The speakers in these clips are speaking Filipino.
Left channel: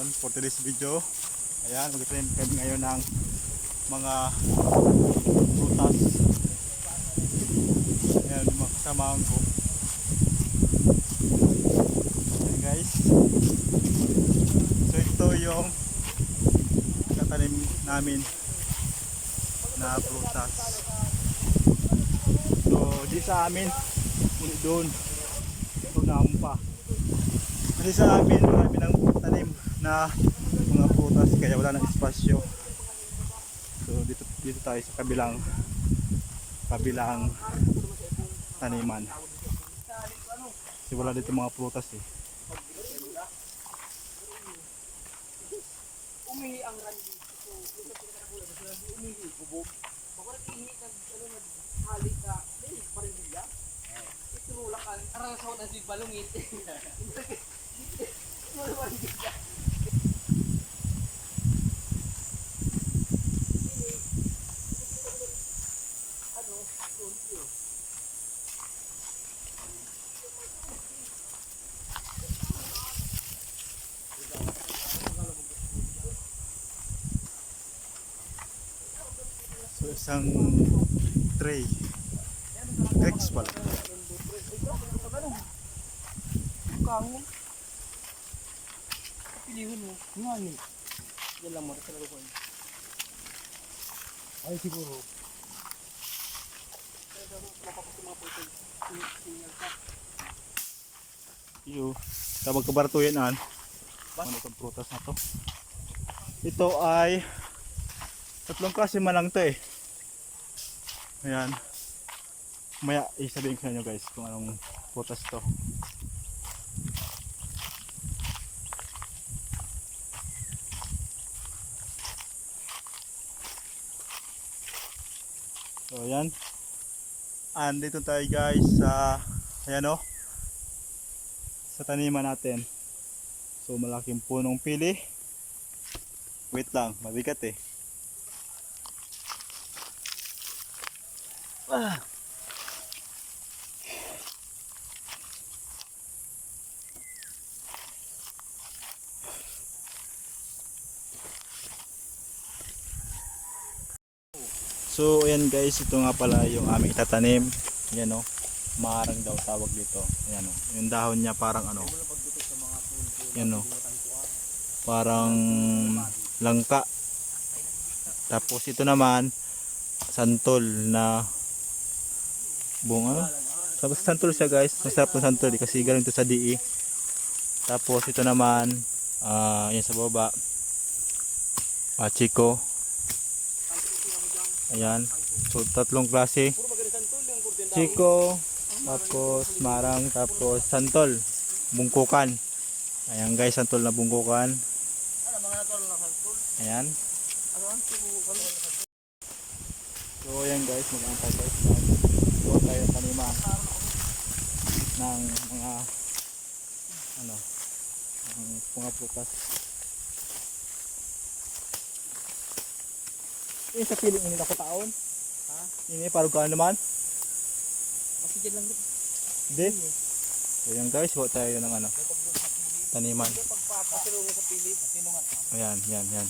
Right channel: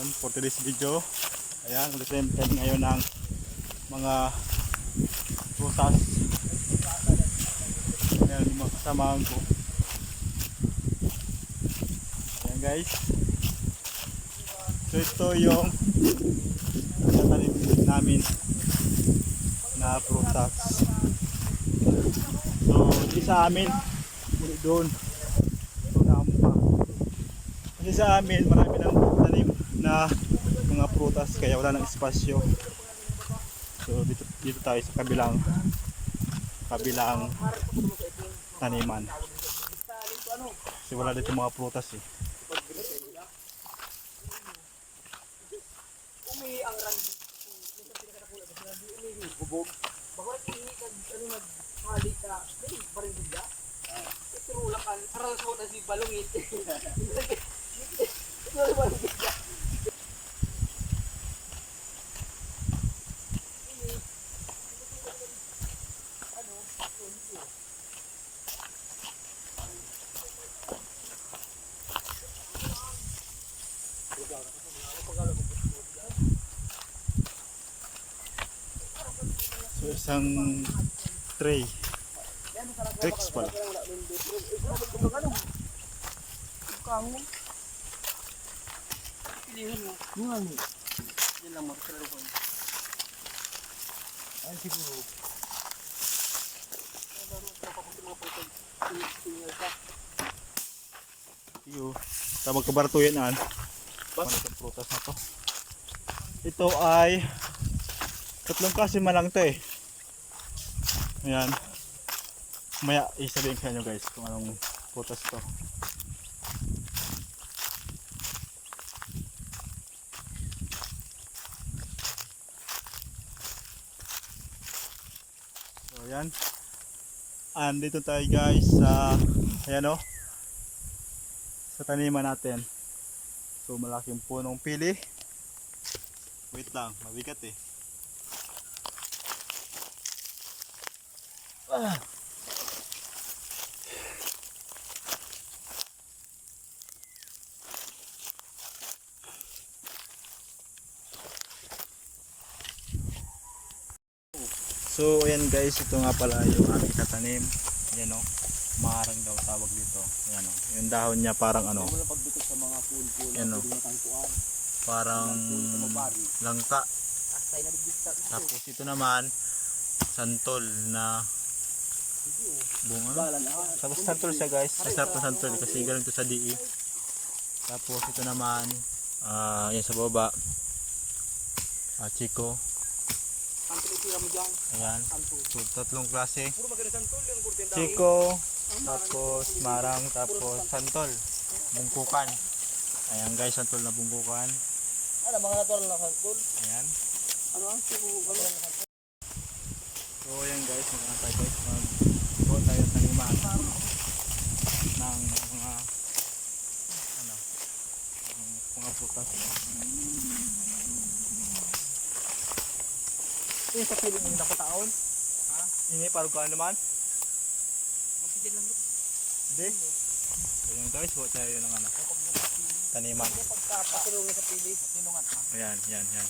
For today's video, ayan, mag-trend kami ngayon ng mga prutas. Ayan, yung mga kasamahan ko. Ayan guys. So ito yung tatanim namin na prutas. So di sa amin, muli doon. Ito na pa. Kasi sa amin marami ng tanim na mga prutas kaya wala nang espasyo. So dito tayo sa kabilang taniman. Kasi wala dito mga prutas eh. Umihi ang randi ko. Yung pinakakula ba sila umihi bubog. Bako ihi kag ano naghali ka. Dai bareng bigla. Itrulakan aral sa una si balungit. Ito bareng bigla. Ano? Tulio. So isang tray. Rex pala. Kangon. Pilihan mo. Ngani. Yan lang mo sa laruan. Ay siguro. Iyo. Tabag kabaratuyan an. Ano itong prutas na to? Ito ay tatlong klase man lang to eh. Ayan. Maya isabihin ko sa inyo guys kung anong prutas to. So ayan. Andito tayo guys sa ayan o. Sa taniman natin. So malaking punong pili. Wait lang, mabigat eh. So ayan guys, ito nga pala yung aming itatanim. Ayan o, marang daw tawag dito. Ayan o, yung dahon niya parang ano. Ayan o, parang langka. Tapos ito naman santol na bunga. Tapos santol siya guys, masarap yung santol kasi galing to sa DE. Tapos ito naman yan sa baba chiko. Ayan, so tatlong klase chiko, tapos marang, tapos santol bungkukan. Ayan guys, santol na bungkukan. Ano mga natural na santol? Ayan. Ano ang subukan? So ayan guys, mag-antay guys mag-gawa tayo kanima ng mga ano, ng mga prutas. Yung sa piling yung nakataon? Ha? Ini parang kaan naman? Kasi dyan lang dito. Hindi. So ayan guys, gawa tayo ng ano, taniman. Hindi pagpapasilungan sa pili. Matinungan. Ayan, yan, yan.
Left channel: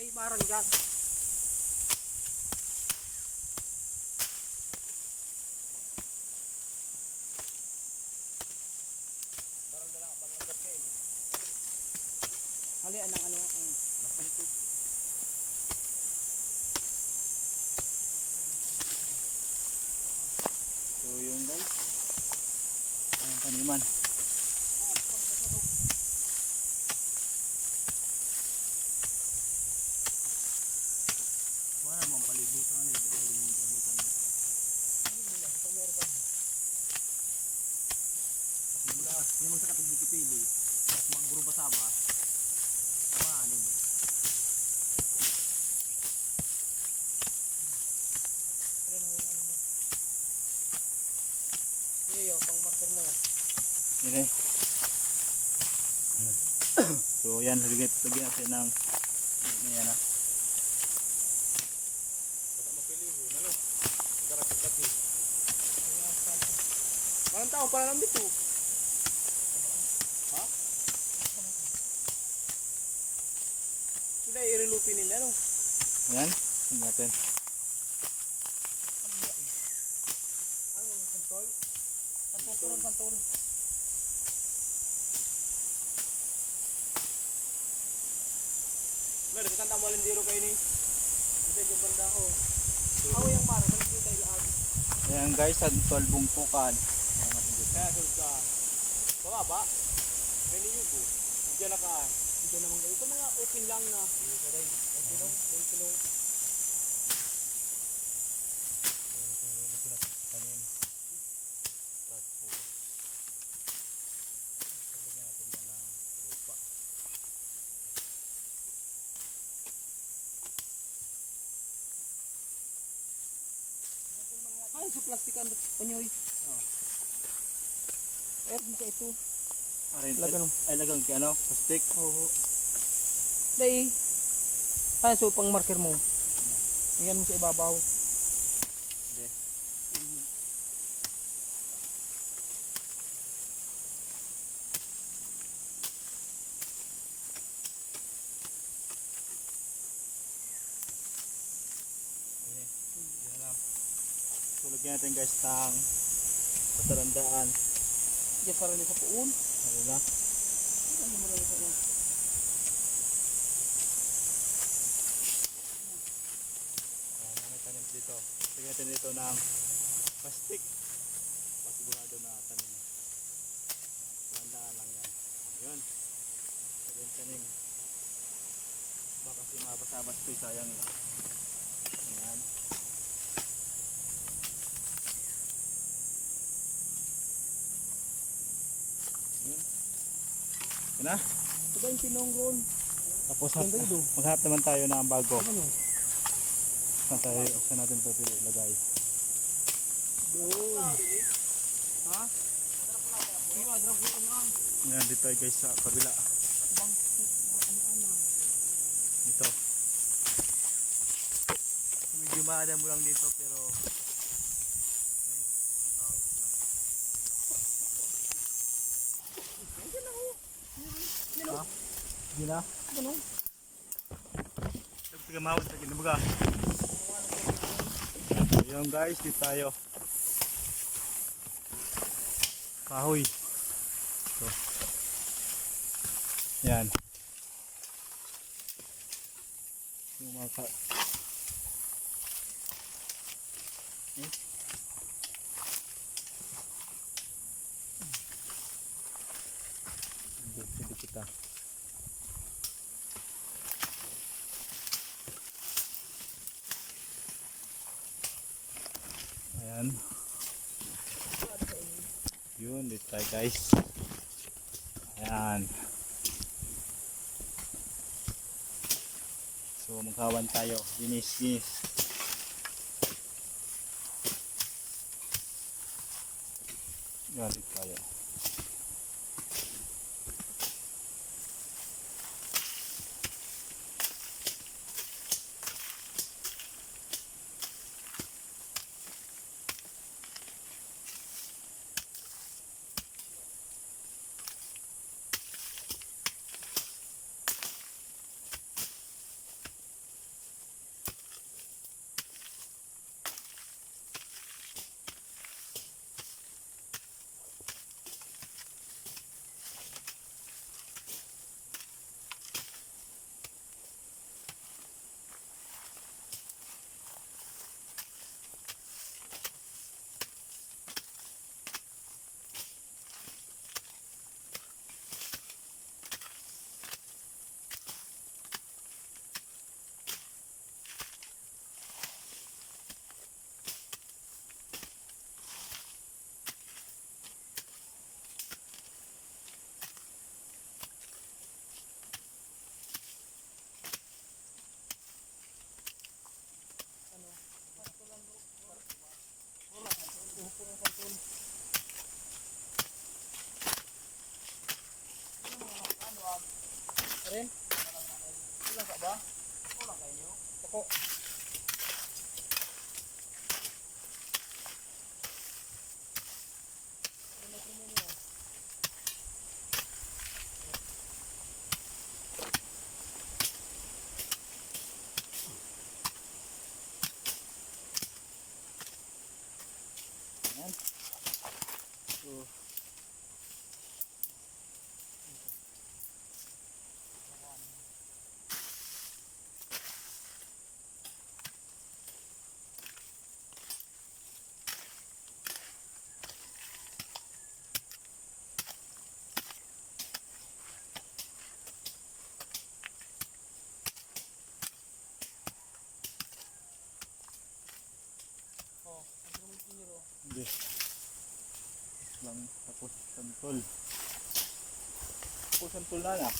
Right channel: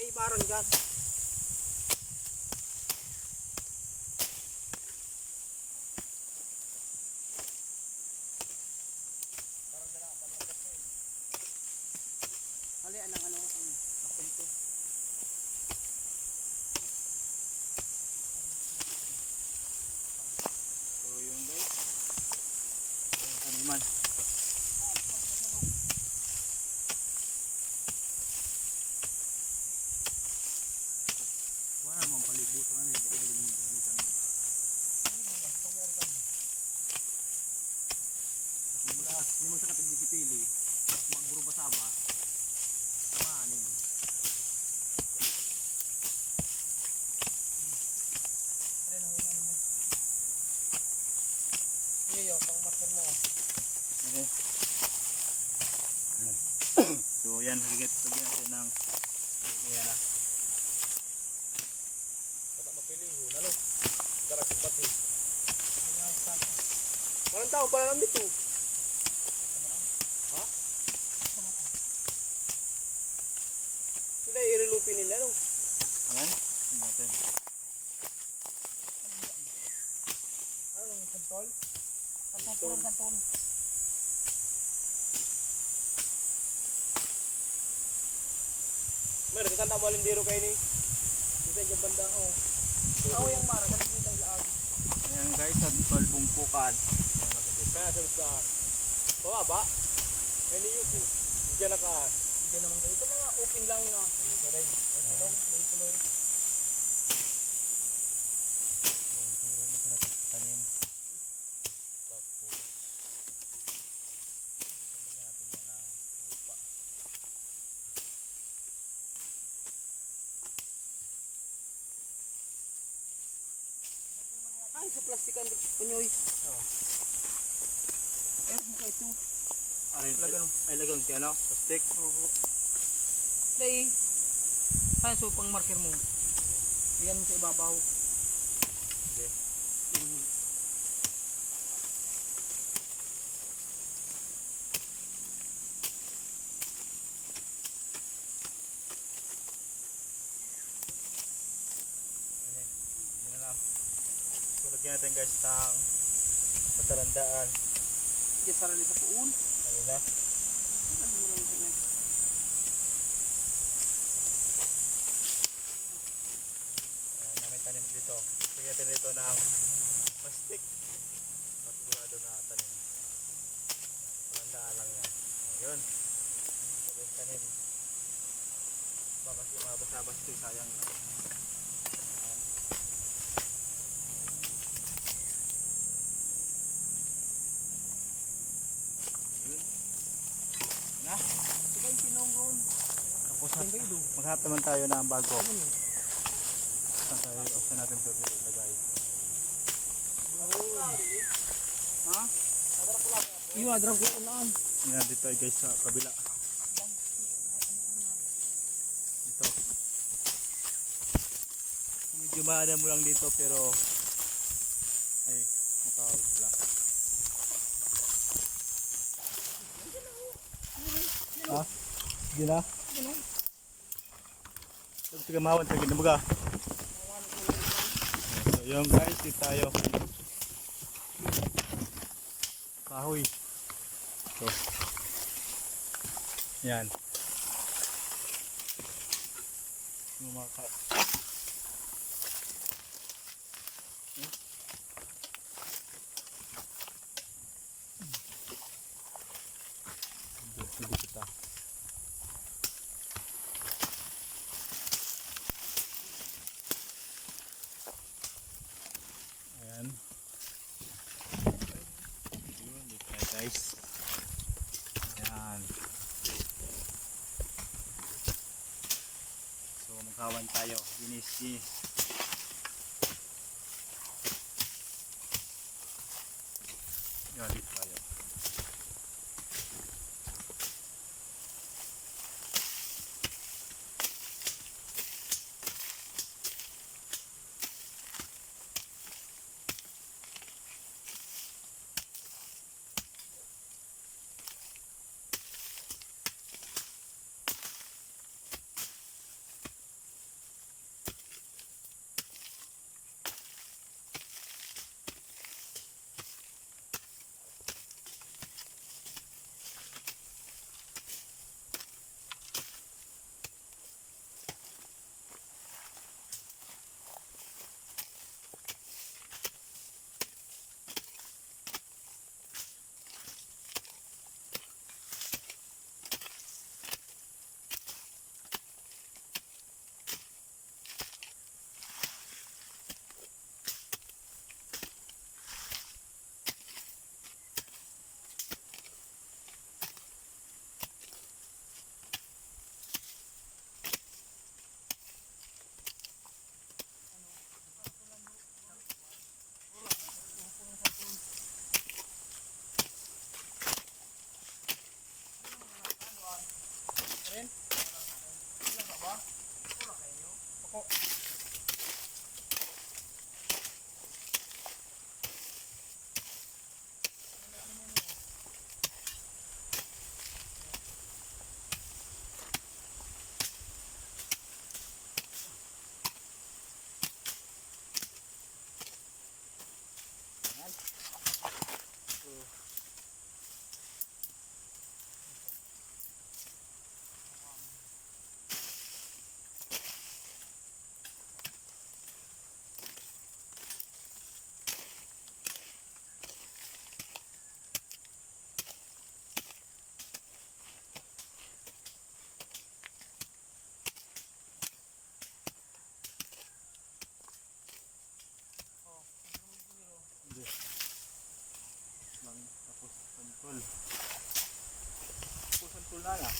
May barang dyan. Halian ng ano ang lapito. So yung guys, ang taniman. Hindi mo sa katag dikipili. Magburo ba sama? Samahanin mo. Ano mo? Iyo, pang marker mo. Yan eh. So yan, lagyan natin ng yan ah. Bata mapiliho, nalo. Darag sa pati. Parang tao pala ng bito. Ha? Hindi, irilupin nila, no? Yan, tingnan natin. Ano, santol? Santol, santol. Meron, kakanta mo alindero kayo ni. Bisa dyan banda ko. Ako yung mara, salit nyo tayo laag. Ayan guys, sa tolbong tukan. Kaya salut ka. Baba. May niyubo. Diyan nakaan. Diyan naman kayo. Ito mga open lang na. Ito rin. Ito lang. Ito lang. Tanim. Tapos lagyan natin yan ng lupa. Ay, sa plastic ang punyoy. Eh, mukha ito. Lagyan mo. Ay, lagyan ko ano? Plastic. Oo. Dahil. Ay, so pang marker mo. Iyan mo sa ibabaw. Hindi. Okay. Yan na lang. So, lagyan natin guys ng patarandaan. Diyan sarili sa puun. Ano na? Ano mo lang sa inyo? Na may tanim dito. Lagyan natin dito ng plastic. Pasigurado na tanim. Patarandaan lang yan. Ayun. Lagyan tanim. Baka kasi mabasa-bas ito, sayang yun. Ayan. Yun. Yun na. Ito yung pinong roon. Tapos Ganda ito. maghanap naman tayo ng bago. Ano? Saan natin ito ilagay? Doon. Ha? Iyo, adrag ko unaan. Yan dito ay guys sa kabila. Bang, ano-ano. Dito. Medyo maada mo lang dito pero ay makahawit lang. Ha? Hindi na? Ano? Dapat tigamawan sa ginabaga. Ayun guys, dito tayo. Kahoy. So. Yan. Yung mga hindi kita. Ayan. Yun, dito tayo guys. Ayan. So magkawan tayo. Ginis. Yan, dito tayo. Sige. Lang, tapos santol. Tapos santol na na.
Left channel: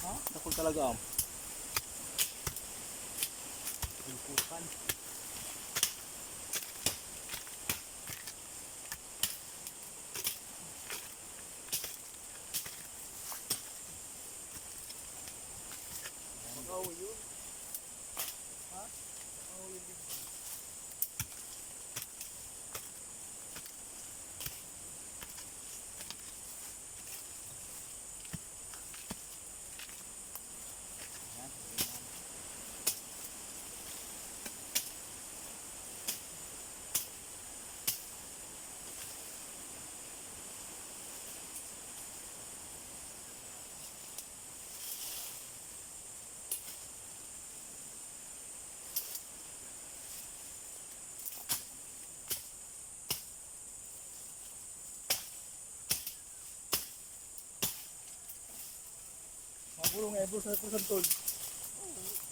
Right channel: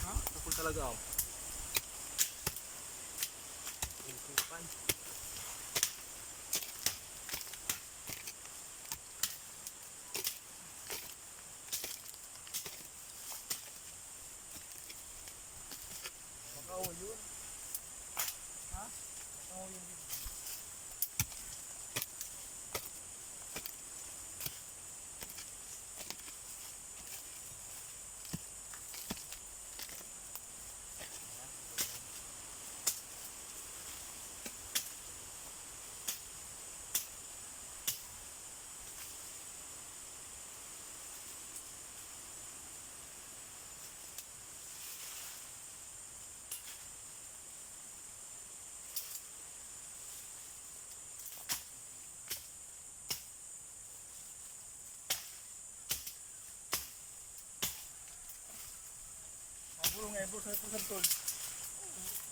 Ha? Tapos talaga am. Kupan. Makaw yun. Ha? Makaw yun din. Mabulong ebo sa santol.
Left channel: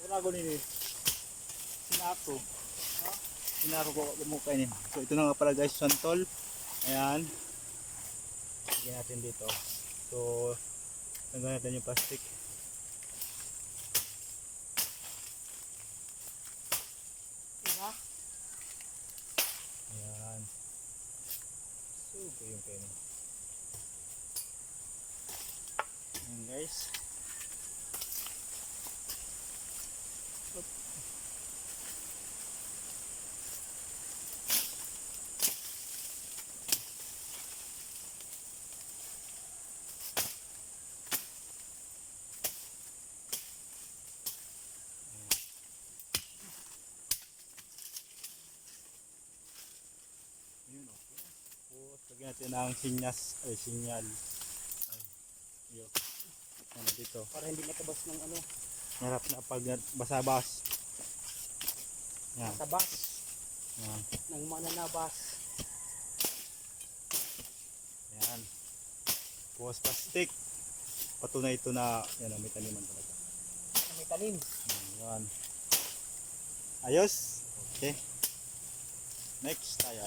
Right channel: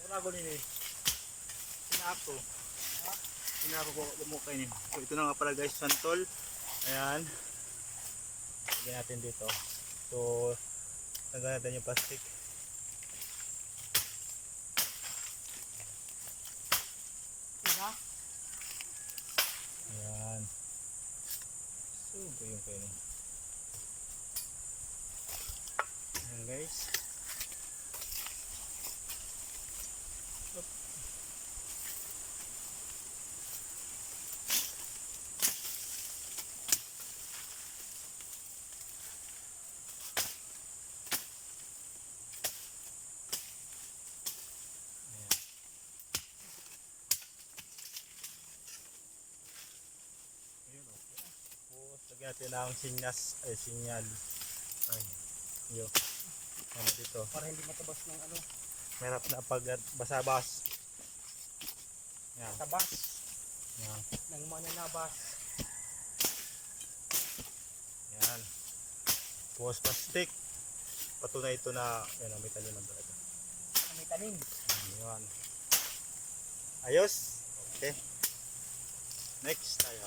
Wala ko nini. Sinako. Ha? Sinako ko mukha ini. So ito na nga pala guys, santol. Ayan. Lagyan natin dito. So tanggalin natin yung plastic. Iba? Ayan. So ito yung kainin. Ayan guys. Up. Ayan. Ayun, okay. Tapos lagyan natin ng sinyal. Ay, yun. Ano dito? Para hindi matabas ng ano. Merap na pag basabas. Yan. Tabas. Yan. Ng mananabas. Yan. Tapos plastic. Patunay ito na yan, may taniman talaga. May tanim. Yan. Ayos. Okay. Next tayo.